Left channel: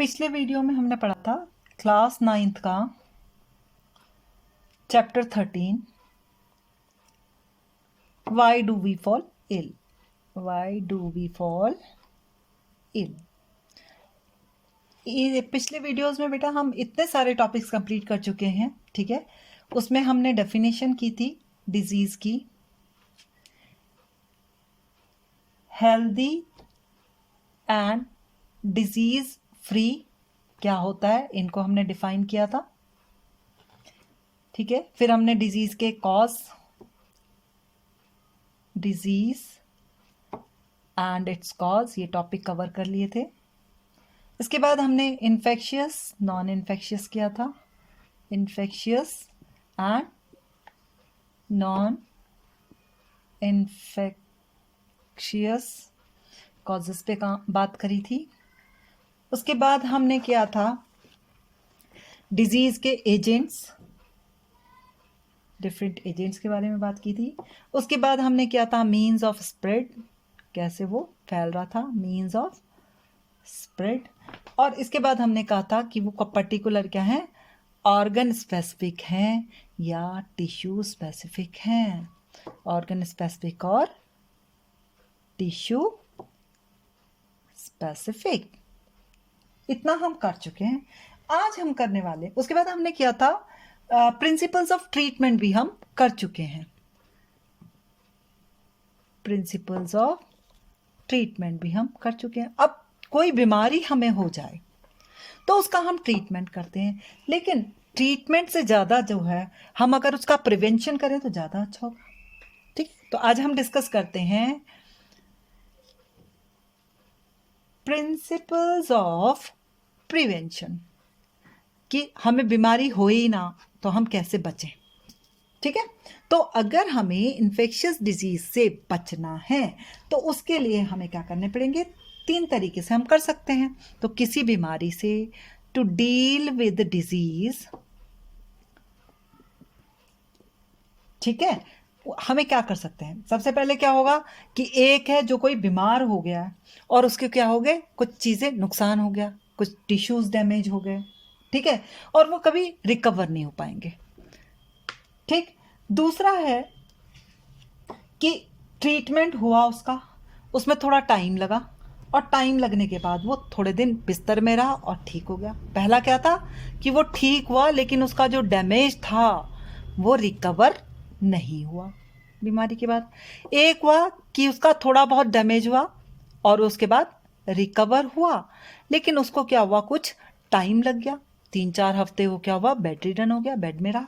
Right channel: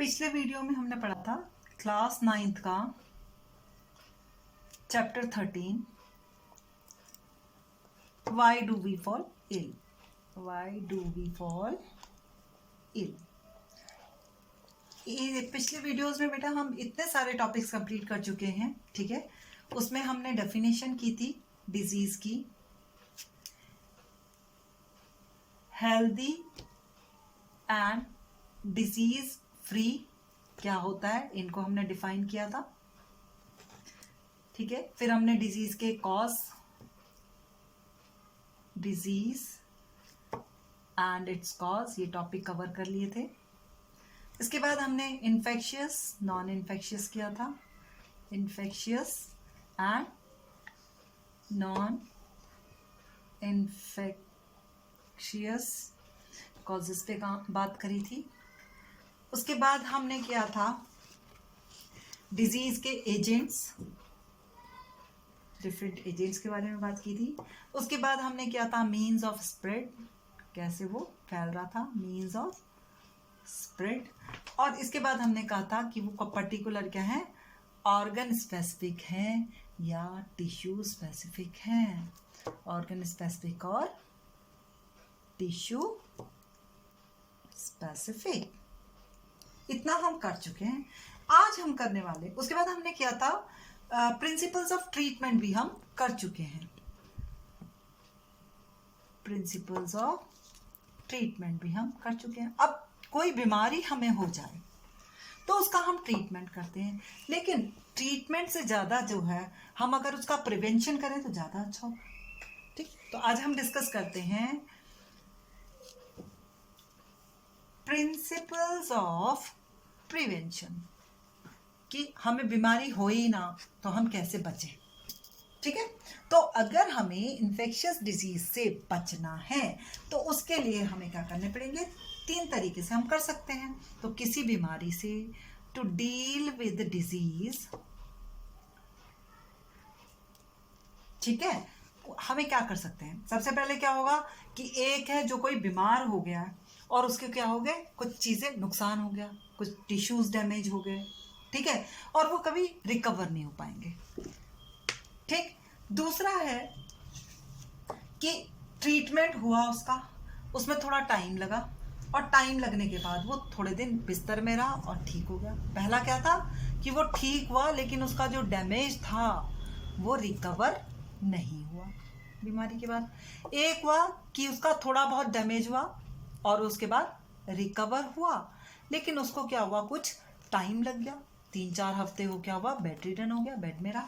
पिछले वीडियो में हमने पढ़ा था क्लास 9th का chapter 13 why do we fall ill. Why do we fall ill. ये पिछले वीडियोस में बेटा हम इतने सारे टॉपिक्स कंप्लीट कर चुके हैं, ठीक है। उसमें हमने डेफिनेशन की थी डिजीज की, हेल्दी एंड डिजीज फ्री क्या होता है, इनको हमने डिफाइन किया था, ठीक है। फिर हमने डिजीज के cause, disease and it's cause, ये टॉपिक कवर कर लिए थे। इसके बाद हमने इन्फेक्शियस नॉन इन्फेक्शियस किया था, infectious and non infectious causes पे बात करी थी। उसके बाद हमने किया था डिजीज के एजेंट्स, डिफरेंट एजेंट्स के बारे में बात की थी। उसके बाद हमने किया था मीन्स ऑफ स्प्रेड, कैसे वो फैल रहा था, मीन्स ऑफ स्प्रेड। और इसके बाद हमने कहा था कि वो पर्टिकुलर क्या है, ऑर्गन स्पेसिफिक हैं या टिश्यू स्पेसिफिक हैं, ऑर्गन स्पेसिफिक और टिश्यू स्पेसिफिक। इतना हम कर चुके हैं, आज हम करने वाले। उसके बाद हमने किया था प्रिंसिपल्स ऑफ ट्रीटमेंट भी हम कर चुके हैं, प्रिंसिपल्स ऑफ ट्रीटमेंट भी हम कर चुके हैं। अब कोई बीमारी हमें हो जाए तो उसका हम ट्रीटमेंट करते हैं, लेकिन ट्रीटमेंट से ज़्यादा जो है हम अगर उसका प्रिवेंशन करें तो ज़्यादा अच्छा होगा, ठीक। तो आज हम डिस्कस करते हैं प्रिंसिपल्स ऑफ प्रिवेंशन, कि हमें बीमारी हो ही ना तो हम कैसे बचें, ठीक है। तो अगर हमें इन्फेक्शियस डिजीज से बचना है तो उसके लिए हमें क्या करने पड़ेंगे, 3 तरीके से हम कर सकते हैं। तो किसी बीमारी से टू डील विद डिजीज, ठीक है, हमें क्या कर सकते हैं। सबसे पहले क्या होगा कि एक है जो कोई बीमार हो गया और उसके क्या हो गए, कुछ चीजें नुकसान हो गया, कुछ टिश्यूज डैमेज हो गए, ठीक है, और वो कभी रिकवर नहीं हो पाएंगे, ठीक। दूसरा है कि ट्रीटमेंट हुआ उसका, उसमें थोड़ा टाइम लगा और टाइम लगने के बाद वो थोड़े दिन बिस्तर में रहा और ठीक हो गया। पहला क्या था कि वो ठीक हुआ लेकिन उसका जो डैमेज था वो रिकवर नहीं हुआ बीमारी के बाद। एक हुआ कि उसका थोड़ा बहुत डैमेज हुआ और उसके बाद रिकवर हुआ, लेकिन उसको क्या हुआ, कुछ टाइम लग गया, 3-4 हफ्ते वो क्या हुआ, बेड रिडन हो गया, बेड में रहा,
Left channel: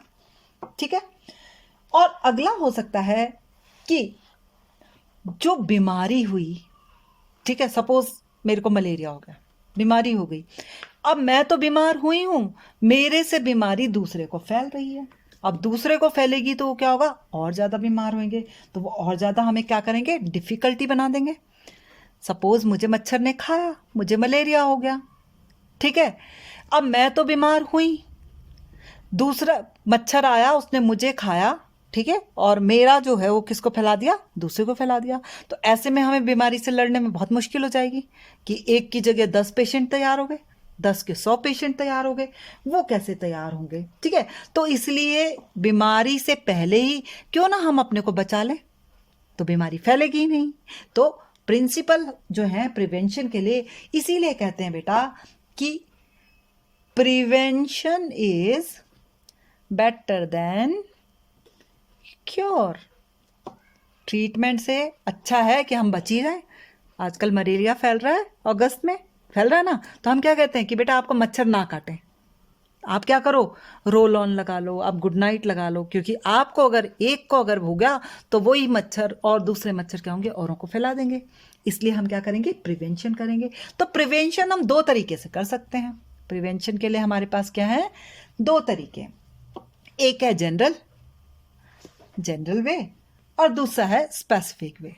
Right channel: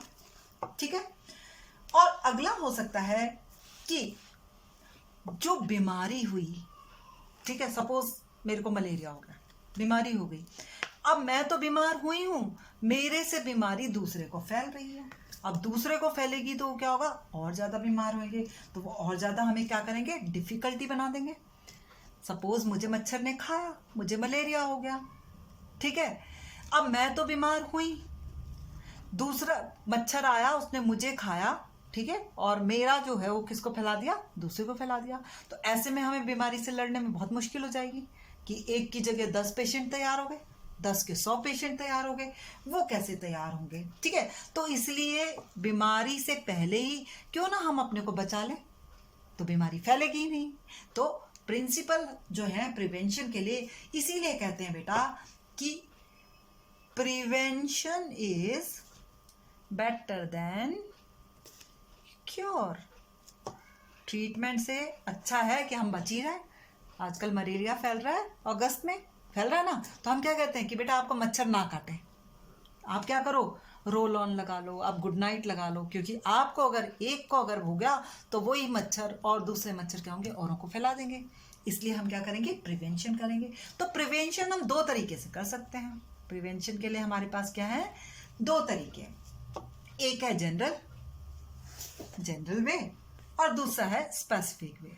ठीक है। और अगला हो सकता है कि जो बीमारी हुई, ठीक है, सपोज मेरे को मलेरिया हो गया, बीमारी हो गई, अब मैं तो बीमार हुई हूं, मेरे से बीमारी दूसरे को फैल रही है। अब दूसरे को फैलेगी तो क्या होगा, और ज्यादा बीमार होंगे, तो वो और ज्यादा हमें क्या करेंगे, डिफिकल्टी बना देंगे। सपोज मुझे मच्छर ने खाया, मुझे मलेरिया हो गया, ठीक है। अब मैं तो बीमार हुई, दूसरा मच्छर आया, उसने मुझे खाया, ठीक है, और मेरा जो है वो किसको फैला दिया, दूसरे को फैला दिया। तो ऐसे में हमें बीमारी से लड़ने में बहुत मुश्किल हो जाएगी कि एक की जगह 10 पेशेंट तैयार हो गए, 10 के 100 पेशेंट तैयार हो गए, वो कैसे तैयार होंगे, ठीक है। तो इसलिए बीमारी से पहले ही क्यों ना हम अपने को बचा लें, तो बीमारी फैलेगी ही नहीं। तो प्रिंसिपल जो है प्रिवेंशन के लिए, इसीलिए कहते हैं बेटा कि prevention is better than cure. Treatment से अच्छा है कि हम बच ही रहे। आजकल मलेरिया फैल रहा है, अगस्त में फैल रहा है ना, तो हम क्या कहते हैं कि बेटा आपको मच्छर ना काटे, आप क्या करो, रोल ऑन लगा लो, आप गुड नाइट लगा लो, क्योंकि आपको अगर एक को अगर हो गया तो वही मच्छर और दूसरे मच्छर क्या होंगे, औरों को फैला देंगे। इसलिए हम क्या करेंगे, प्रिवेंशन करेंगे। तो प्रिवेंशन हम 2 तरीके से कर सकते हैं। प्रिवेंशन के लिए हमारे पास क्या है, 2 तरीके, एक है जनरल वे और दूसरा है स्पेसिफिक वे,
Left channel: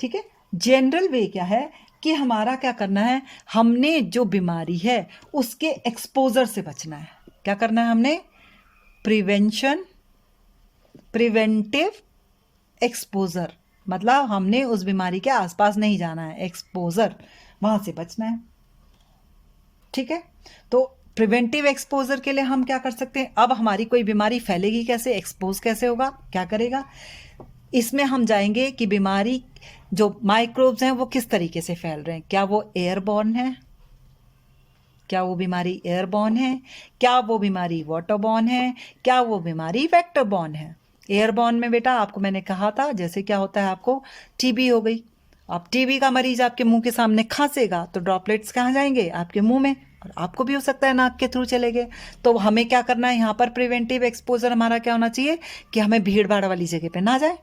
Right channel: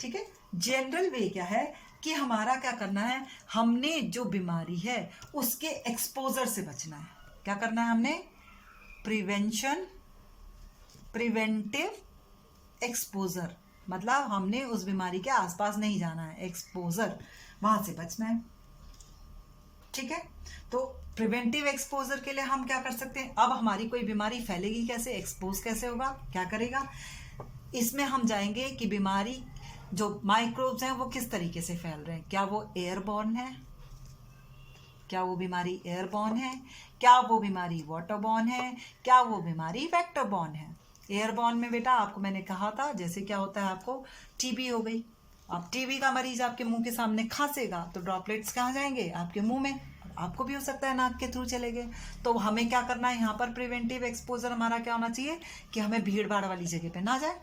ठीक है। जनरल वे क्या है कि हमारा क्या करना है, हमने जो बीमारी है उसके एक्सपोजर से बचना है। क्या करना है हमने, प्रिवेंटिव एक्सपोजर, मतलब हमने उस बीमारी के आसपास नहीं जाना है। एक्सपोजर वहां से बचना है। ठीक है, तो प्रिवेंटिव एक्सपोजर के लिए हम क्या कर सकते हैं? अब हमारी कोई बीमारी फैलेगी कैसे, एक्सपोज कैसे होगा, क्या करेगा? इसमें हम जाएंगे कि बीमारी जो माइक्रोब्स हैं वो किस तरीके से फैल रहे हैं। क्या वो एयरबॉर्न है? क्या वो बीमारी एयरबॉर्न है? क्या वो बीमारी वाटरबॉर्न है? क्या वो बीमारी वेक्टरबॉर्न है? एयरबॉर्न में बेटा आपको मैंने कहा था, जैसे क्या होता है, आपको टीबी हो गई, अब टीबी का मरीज आपके मुंह के सामने खांसेगा तो ड्रॉपलेट्स कहाँ जाएंगे? आपके मुंह में, और आपको भी हो सकता है नाक के थ्रू चले गए। तो हमें क्या करना है यहाँ पर? प्रिवेंटिव एक्सपोजर हमारा क्या होना चाहिए कि हमें भीड़ भाड़ वाली जगह पे ना जाए।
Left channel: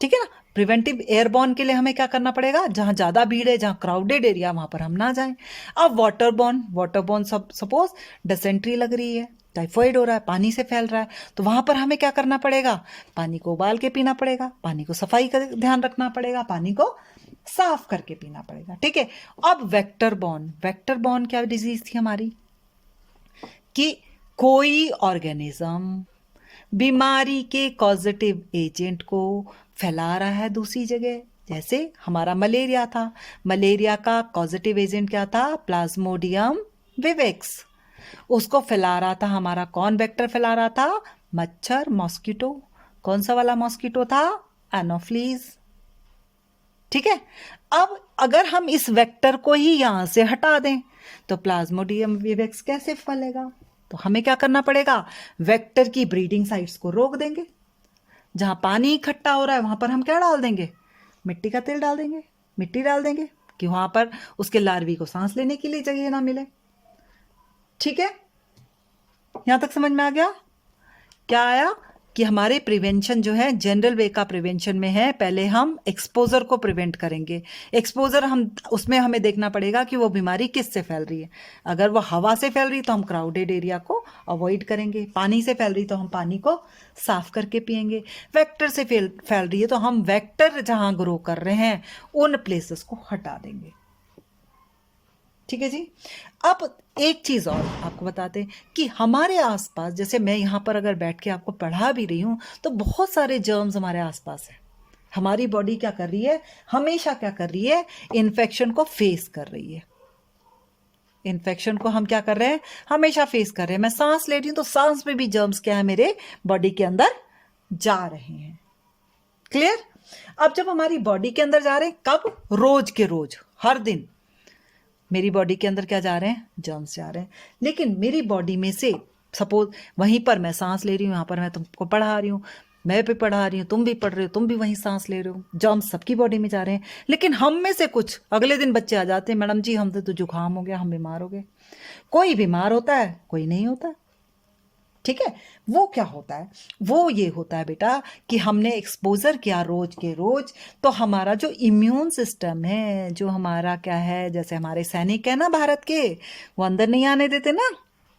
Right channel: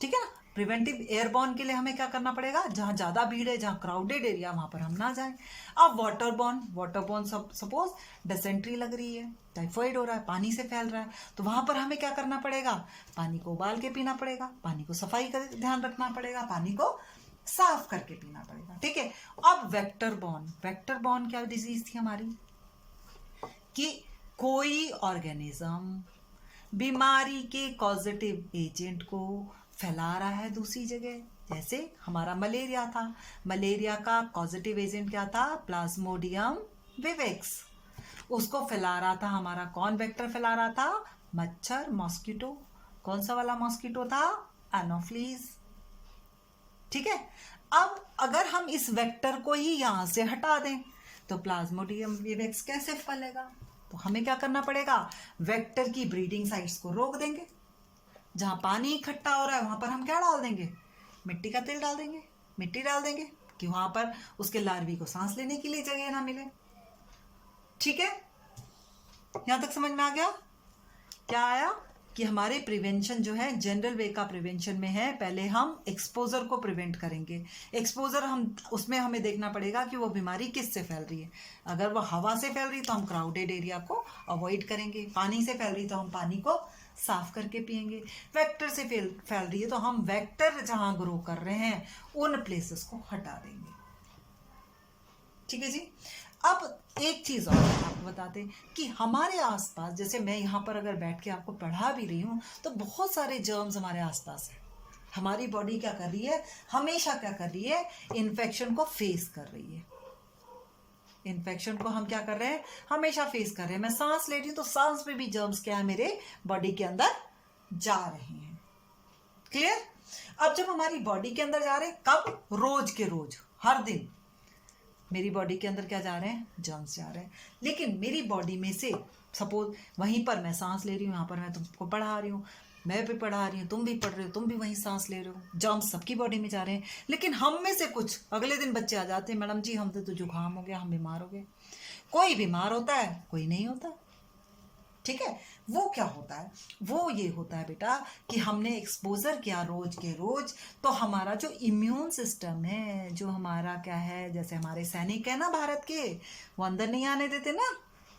ठीक है ना? प्रिवेंटिव एयरबॉर्न के लिए हमें क्या करना पड़ेगा? जहां ज्यादा भीड़ है, जहां क्राउडेड एरिया, वहां पर हम ना जाएं। अब वाटरबॉर्न सब सपोज डिसेंट्री लग रही है, टाइफाइड हो रहा है, पानी से फैल रहा है, तो वहां पर हमें क्या करना पड़ेगा? पानी को उबाल के पीना पड़ेगा, पानी को सफाई का ध्यान रखना पड़ेगा, पानी को साफ करके पीना पड़ेगा। ठीक है। अब वेक्टर बॉर्न क्या डिजीज थी हमारी? कि कोई ऑर्गेनिज्म बीमारी के कॉजेटिव एजेंट को फैला रहा है दूसरी जगह। जैसे हमारा मलेरिया था, मलेरिया का कॉजेटिव एजेंट क्या था? Plasmodium vivax. उसको फैला रहा था हमारा कौन वेक्टर फैला रहा था? मच्छर, मॉस्किटो। कौन सा वाला मॉस्किटो था? एनोफ्लीज। ठीक है। अब अगर हम इस वेक्टर को ही यहां से हटा दें तो प्लाज्मोडियम विवेक्स कैसे फैलेगा? तो हमें क्या करना पड़ेगा? वेक्टर की ब्रीडिंग साइट्स को रोक देंगे। जहां पानी इकट्ठा हो रहा है वहां पर हम क्या डाल देंगे? मिट्टी का तेल डाल देंगे, मिट्टी डाल देंगे कि वहां पर उसके लार्वी को सांस लेने के लिए जगह ना मिले। ठीक है, यहां तक समझ में आ गया? क्या आया कि हमारे प्रिवेंशन जो है जनरल वे का प्रिवेंशन में है, पहले हम एक्सपोजर को प्रिवेंट करेंगे। एक्सपोजर हम उसमें हमें देखना पड़ेगा कि वो बीमारी किस से फैल रही है। अगर वो हवा से फैल रही तो हम क्राउडेड एरिया को अवॉइड करेंगे, पानी से फैल रही तो हम पानी को साफ करके पिएंगे, वेक्टर से फैल रही है तो हम वेक्टर जहां ग्रो कर रहे हैं उन प्लेसेस को हटा देंगे। ठीक है जी। अब एक चीज और आपको बताते हैं कि हमारे आसपास, जैसे मैं यहाँ पर अगर बैठ के आपको पढ़ा भी रही हूँ तो बहुत सारे जर्म्स हमारे आसपास है। हमारी बॉडी क्या कर रही है? हमेशा क्या कर रही है? इन्फेक्शन को फेस कर रही है। इन्फेक्शन को हम क्या कर रहे हैं? हमेशा फेस कर रहे हैं। मैं सांस ले रही हूं तो सांस में भी जर्म्स क्या है? मेरे बॉडी के अंदर जा रहे हैं। क्लियर? अब जब हमारी बॉडी के अंदर जा रहे हैं, कब? रोज के रोज, हर दिन मेरी बॉडी के अंदर क्या जा रहे हैं? जर्म्स जा रहे हैं। लेकिन मेरी बॉडी में से सपोज वहीं पर मैं सांस ले रही हूं, यहां पर मैं तुमको पढ़ा रही हूं, मैं भी पढ़ा रही हूँ, तुम भी पढ़ रहे हो, तुम भी वहीं सांस ले रहे हो, जर्म्स सबकी बॉडी में जा रहे हैं। लेकिन हम में से कुछ अगले दिन बच्चे आ जाते हैं, मैडम जी हमसे तो जुकाम हो गया, हम बीमार हो गए। कोई बीमार होता है, कोई नहीं होता। ठीक है। वो क्या होता है? वो ये होता है बेटा कि हमने एक्सपोजर किया रोज के रोज, तो हमारा जो इम्यून सिस्टम है, जो हमारा क्या है, जैसे हमारे सैनिक है ना भारत के, वो अंदर नहीं आने देते ना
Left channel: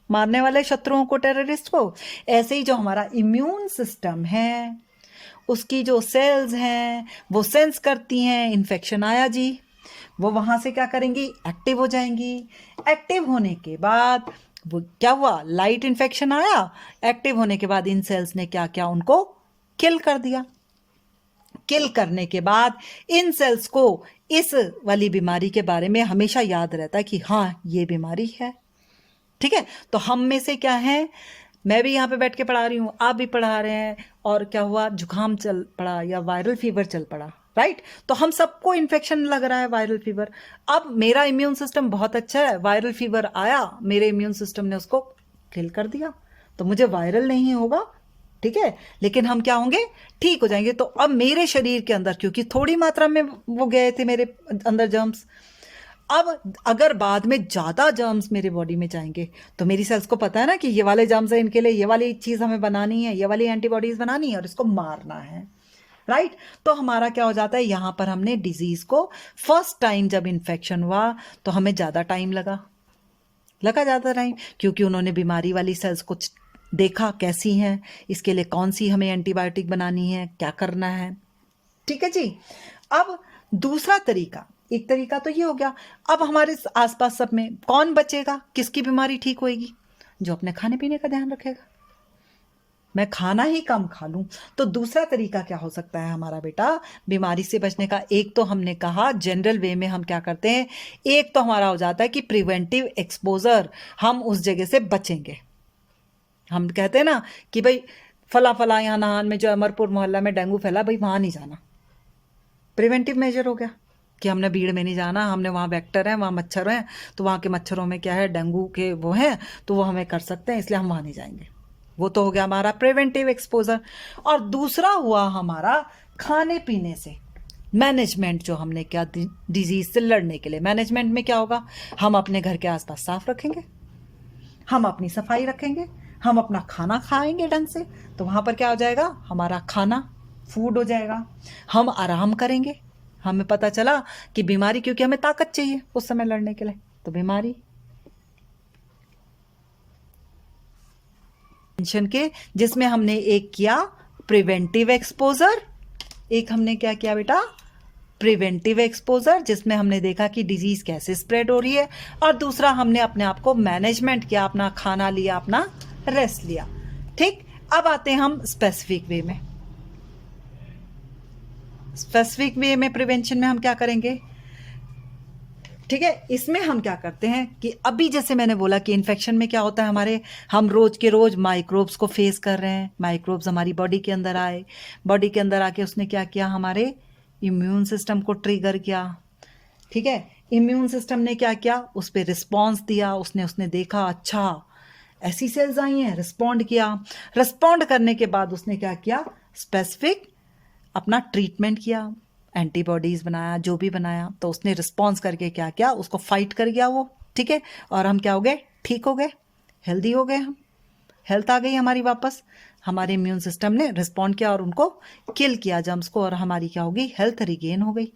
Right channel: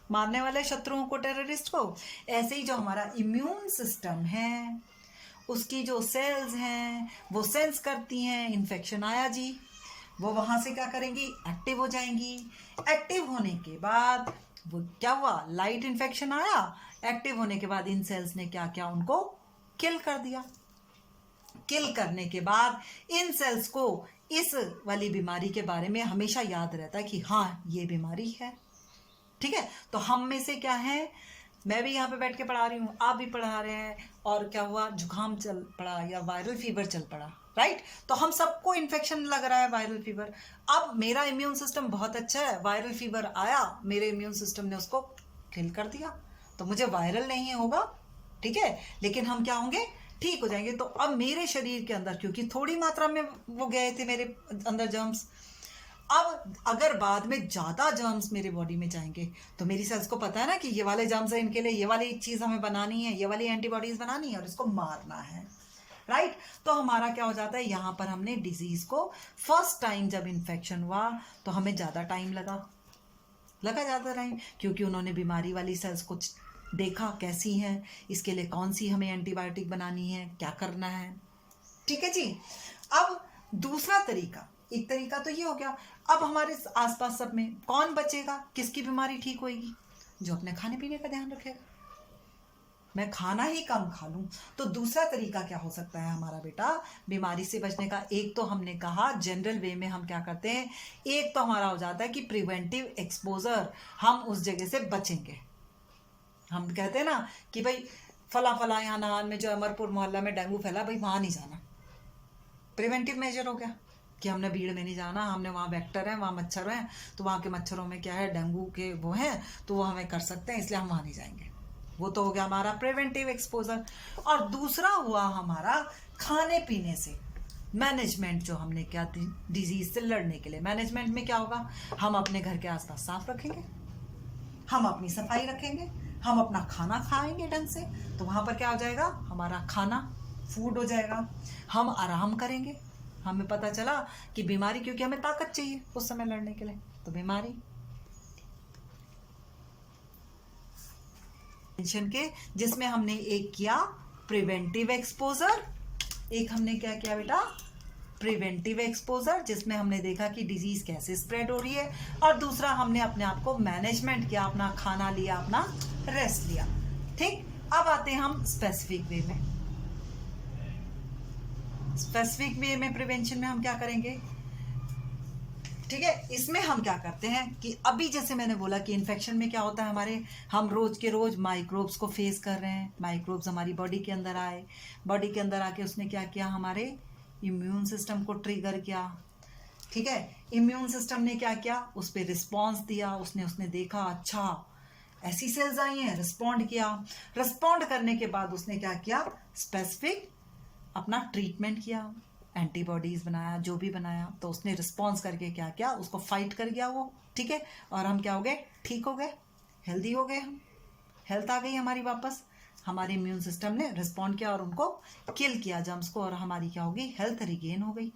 मारने वाले शत्रुओं को, टेररिस्ट को, ऐसे ही जो हमारा इम्यून सिस्टम है उसकी जो सेल्स हैं वो सेंस करती हैं इन्फेक्शन आया जी, वो वहां से क्या करेंगी? एक्टिव हो जाएंगी। एक्टिव होने के बाद वो क्या हुआ? लाइट इन्फेक्शन आया, एक्टिव होने के बाद इन सेल्स ने क्या क्या? उनको किल कर दिया। किल करने के बाद इन सेल्स को इस वाली बीमारी के बारे में हमेशा याद रहता है कि हाँ ये बीमारी है। ठीक है। तो हम में से क्या है, मैं भी यहाँ पे बैठ के पढ़ा रही हूँ, आप भी पढ़ा रहे हैं, और क्या हुआ? जुकाम चल पड़ा या वायरल फीवर चल पड़ा, राइट? तो हम सबको इन्फेक्शन लग रहा है, वायरल फीवर। अब मेरा इम्यून सिस्टम बहुत अच्छा है, वायरल फीवर आया, मेरे इम्यून सिस्टम ने उसको किल कर दिया, तो मुझे वायरल नहीं होगा। ठीक है। लेकिन हम क्या होंगे? ठीक हो जाएंगे। तो अब मेरे शरीर के अंदर, क्योंकि थोड़ी मात्रा में वो गए थे मेरे अंदर जर्म्स, अब अगर बाद में ज्यादा जर्म्स मेरे बॉडी में जाएंगे तो मेरी सेल्स को पता है ना कि ये वाले जर्म्स है, इनके लिए ये वाली चीज हमें बनानी है, ये वाली एंटीबॉडीज बनानी है और इसको मारना है, राइट? तो हमारा क्या हो जाता है? यहां पर हमने डिजीज को फर्स्ट टाइम जब इन्फेक्शन हुआ तो हमें ज्यादा टाइम लगा ज्यादा टाइम, क्योंकि उन्होंने बीमारी वाली सेल्स को देखा कैसी हैं, इसके लिए कौन सी हमें एंटीबायोटिक बनानी है, क्या करना है। ठीक है जी। अब दूसरा तरीका, एक तरीका तो ये हो गया। अब हमारे आसपास सब में कौन बचेगा? किसकी बीमारी ठीक होएगी? जो अपने खाने पीने का ध्यान रखेगा। मैं खाना ही कम खा लूं। तो दूसरा तरीका क्या हो सकता है हमारा बेटा बीमारी से बचने का? एक तो हमने कहा जनरल वे में हम क्या करते हैं, एक तो हमारा हो जाता है कि प्रिवेंटिव एक्सपोजर, हम उस जगह से बचेंगे। हम कहते हैं ना कि भाई फला फला यहाँ नाहन में जो अमरपुर मोहल्ला में डेंगू फैला, भाई वहां नहीं जाना। प्रिवेंटिव मेजर हो गया कि हमने भीड़ में नहीं जाना, हमने वहाँ वेक्टर है, वहाँ मच्छर हैं, तो वहाँ के मच्छरों में क्या है, डेंगू के वो हैं, तो वो हमें कर सकते हैं, इसलिए हम वहाँ नहीं जाएंगे। वो तो हो गया हमारा प्रिवेंटिव एक्सपोजर। और दूसरा हुआ हमारा खाने पीने से मैनेजमेंट, जो हमने क्या डिजीज से लड़ने के लिए मैनेजमेंट में क्या होगा, हम अपने घर के आसपास साफ रखेंगे, हम अपनी सफाई रखेंगे, हम अपना खाना खाएंगे ढंग से, तो वहां पर क्या हो जाएगा, हमारा खाना फूड हो जाएगा। हम आराम करेंगे, हमें पता चला कि बीमारी, क्योंकि हमें ताकत चाहिए उस समय लड़ने के लिए, तो बीमारी टेंशन के, जिसमें हमने एक किया प्रिवेंटिव एक्सपोजर, एक हमने क्या किया बेटा, प्रिवेंटिव एक्सपोजर, जिसमें हमने देखा कि डिजीज कैसे स्प्रेड हो रही है, और दूसरा हमने अपने आप को मैनेजमेंट किया, अपना खाना लिया, अपना रेस्ट लिया। ठीक, अब आते हैं हम स्पेसिफिक वे में। स्पेसिफिक वे में प्रिवेंशन में हम क्या करेंगे, ठीक है, इसमें हम क्या करते हैं कि अभी जैसे मैंने बोला कि इन्फेक्शन में क्या होता है हमारे, हम रोज के रोज माइक्रोब्स को फेस कर रहे हैं, माइक्रोब्स हमारी बॉडी के अंदर आए, बॉडी के अंदर आके उसने क्या किया, हमारे इम्यून सिस्टम को ट्रिगर किया। ठीक है, इम्यून सिस्टम ने क्या किया, उस पर रिस्पॉन्स दिया, उसने देखा अच्छा ऐसी सेल्स आई हैं, रिस्पॉन्ड किया। रिस्पॉन्ड करने के बाद उसने क्या किया, स्पेसिफिक अपना ट्रीटमेंट किया, एंटीबॉडीज बनाया, जो भी बनाया, तो उसने रिस्पॉन्स करके क्या किया, उसको फाइट कर गया वो। ठीक है, और हम क्या हो गए, ठीक हो गए, हेल्दी हो गए, हम हेल्थ आ गई हमारी वापस, हमारे इम्यून सिस्टम ने रिस्पॉन्ड किया और उनको किल किया जर्म्स को, और हमारी क्या हो गई, हेल्थ रिगेन हो गई।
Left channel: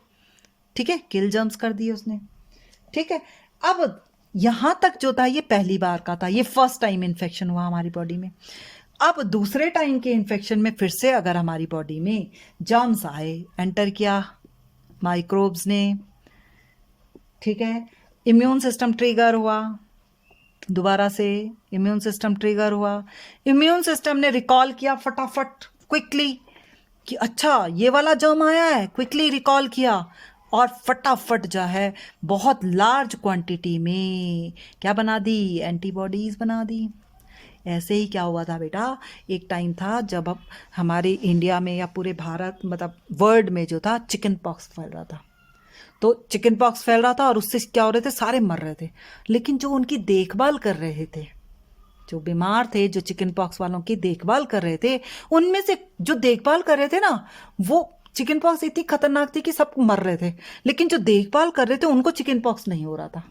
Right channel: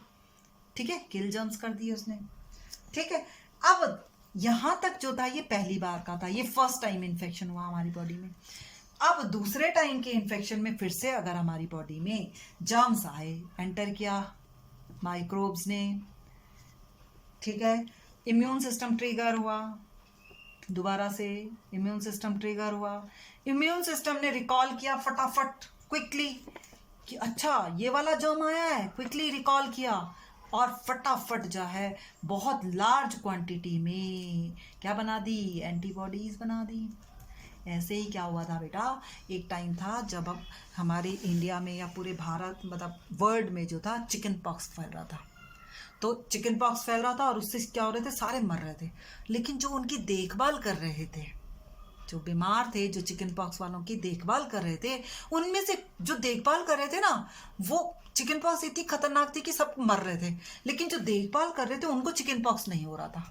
ठीक है, किल जर्म्स कर दिए उसने। ठीक है, अब यहां तक जो था ये पहली बार का था, ये फर्स्ट टाइम इन्फेक्शन हुआ हमारी बॉडी में। अब दूसरे टाइम के इन्फेक्शन में फिर से अगर हमारी बॉडी में जर्म्स आए, एंटर किया माइक्रोब्स ने, ठीक है, इम्यून सिस्टम ट्रिगर हुआ, दोबारा से इम्यून सिस्टम ट्रिगर हुआ, इम्यून सिस्टम ने रिकॉल किया फटाफट क्विकली कि अच्छा ये वाला जर्म आया है, क्विकली रिकॉल किया, और फटाफट जो है बहुत लार्ज क्वांटिटी में क्या बना दी, एंटीबॉडीज बना दी। ऐसे ही क्या हुआ था बेटा, एक टाइम था जब अब हमारे इंडिया में या पूरे भारत मतलब वर्ल्ड में जो था चिकन पॉक्स फैल रहा था। तो चिकन पॉक्स फैल रहा था और उससे क्या हो रहे थे, सारे मर रहे थे, लेकिन जो उनकी देखभाल कर रहे थे, जो बीमार थे, जो चिकन पॉक्स वालों की देखभाल कर रहे थे, उनमें से जो देखभाल कर रहे थे ना, वो चिकन पॉक्स इतनी खतरनाक थी कि सब मर रहे थे, लेकिन जो देखभाल कर रहे थे उनको चिकन पॉक्स नहीं हो रहा था।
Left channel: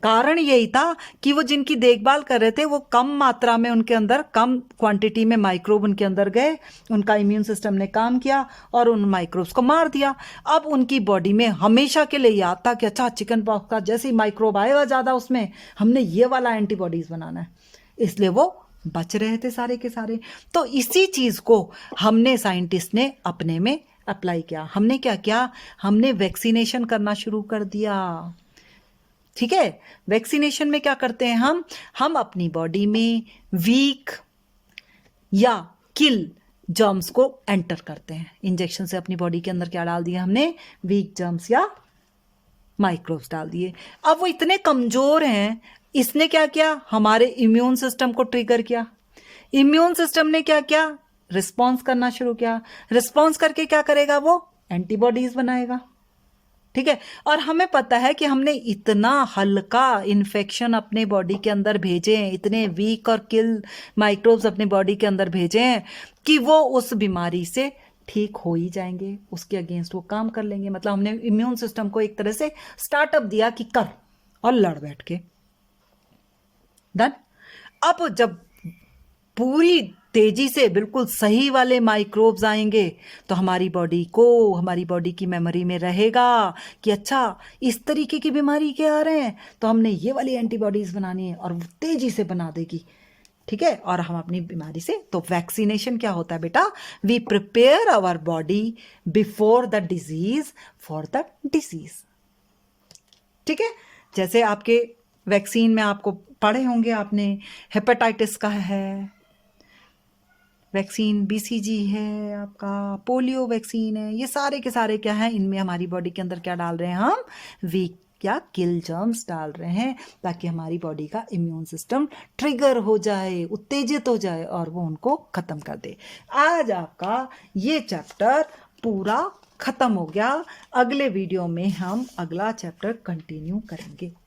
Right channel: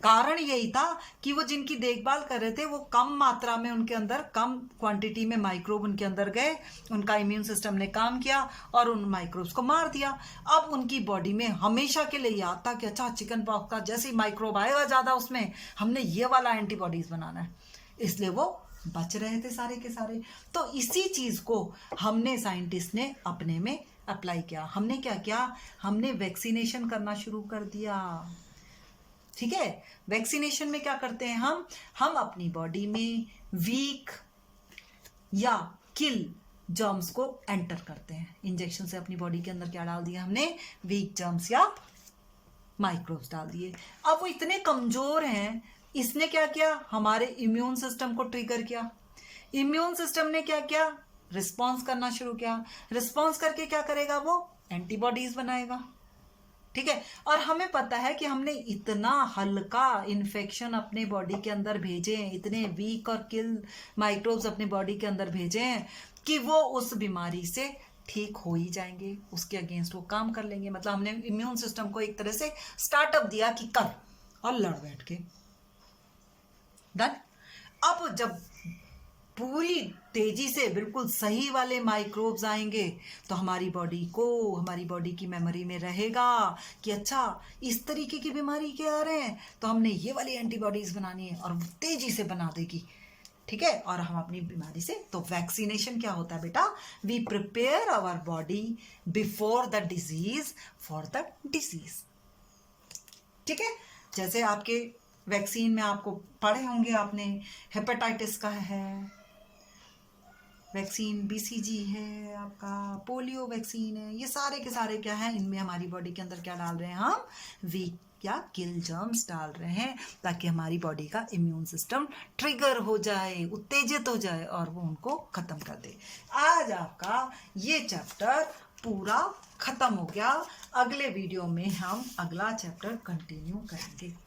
कारण यही था कि वो जिनकी देखभाल कर रहे थे वो कम मात्रा में, उनके अंदर कम क्वांटिटी में माइक्रोब उनके अंदर गए, उनका इम्यून सिस्टम ने काम किया और उन माइक्रोब्स को मार दिया। अब उनकी बॉडी में हमेशा के लिए याद था कि अच्छा चिकन पॉक्स का जैसे ही माइक्रोब आएगा ज्यादा उसमें, हमने ये वाला एंटीबॉडीज बनाना है, इसलिए वो बच रहे थे सारे के सारे। तो इसी चीज को हमने साइंटिस्ट ने अपने में अप्लाई किया। हमने क्या किया, हमने वैक्सीनेशन करना शुरू कर दिया। ठीक है, वैक्सीनेशन में क्या करते हैं हम अपनी बॉडी में वीक या किल जर्म्स को एंटर करते हैं। इंजेक्शन से अपनी बॉडी के अंदर क्या डाल दिया हमने, वीक जर्म्स या माइक्रोब्स डाल दिए। अब वो इतने कमजोर हैं, इसने क्या किया, हमारे इम्यून सिस्टम को ट्रिगर किया। इम्यून सिस्टम ने क्या किया, रिस्पॉन्स करना शुरू किया। रिस्पॉन्स करके क्या करेगा, वो एंटीबॉडीज बनाएगा। ठीक है, और हमें पता है कि हमने इतना हल्का इन्फेक्शन अपने बॉडी के अंदर भेजे हैं, इतने वीक और किल माइक्रोब्स अपने बॉडी के अंदर भेजे हैं कि वो उस बीमारी से ठीक हो ही जाएंगे, उसके अगेंस्ट वो काम कर लेंगे। मतलब हमने इम्यून सिस्टम को एक तरह से स्टार्टअप दिया कि कर, और लड़ बैठ के डन। अब जब पूरी तेजी से बिल्कुल सही वाले माइक्रोब्स आएंगे तो हमारी बॉडी की मेमोरी में रहेगा कि अच्छा इस तरीके की बीमारी के आ रहे हैं, तो हमने ये वाली एंटीबॉडीज बनानी है, और वो तेजी से बना देगी। ठीक है, और हम अपनी बीमारी से, तो वैक्सीनेशन क्या होता है बेटा, we prepare our body before the disease for the disease. ठीक है, जैसे आपके वैक्सीन में आपको पढ़े होंगे आपने, हेपेटाइटिस का है, वैक्सीन BCG है, आपका पोलियो वैक्सीन है, ये सारे के सारे क्या है, इनमें हमारी बॉडी के अंदर क्या डाल रहे हैं हम, वीक या किल जर्म्स डाल रहे हैं, ताकि हमारी बॉडी का इम्यून सिस्टम ट्रिगर हो जाए, उत्तेजित हो जाए और वो उनको खत्म कर दे। आज आपका ये चैप्टर पूरा खत्म हो गया। अगले वीडियो में हम अगला चैप्टर कंटिन्यू करेंगे।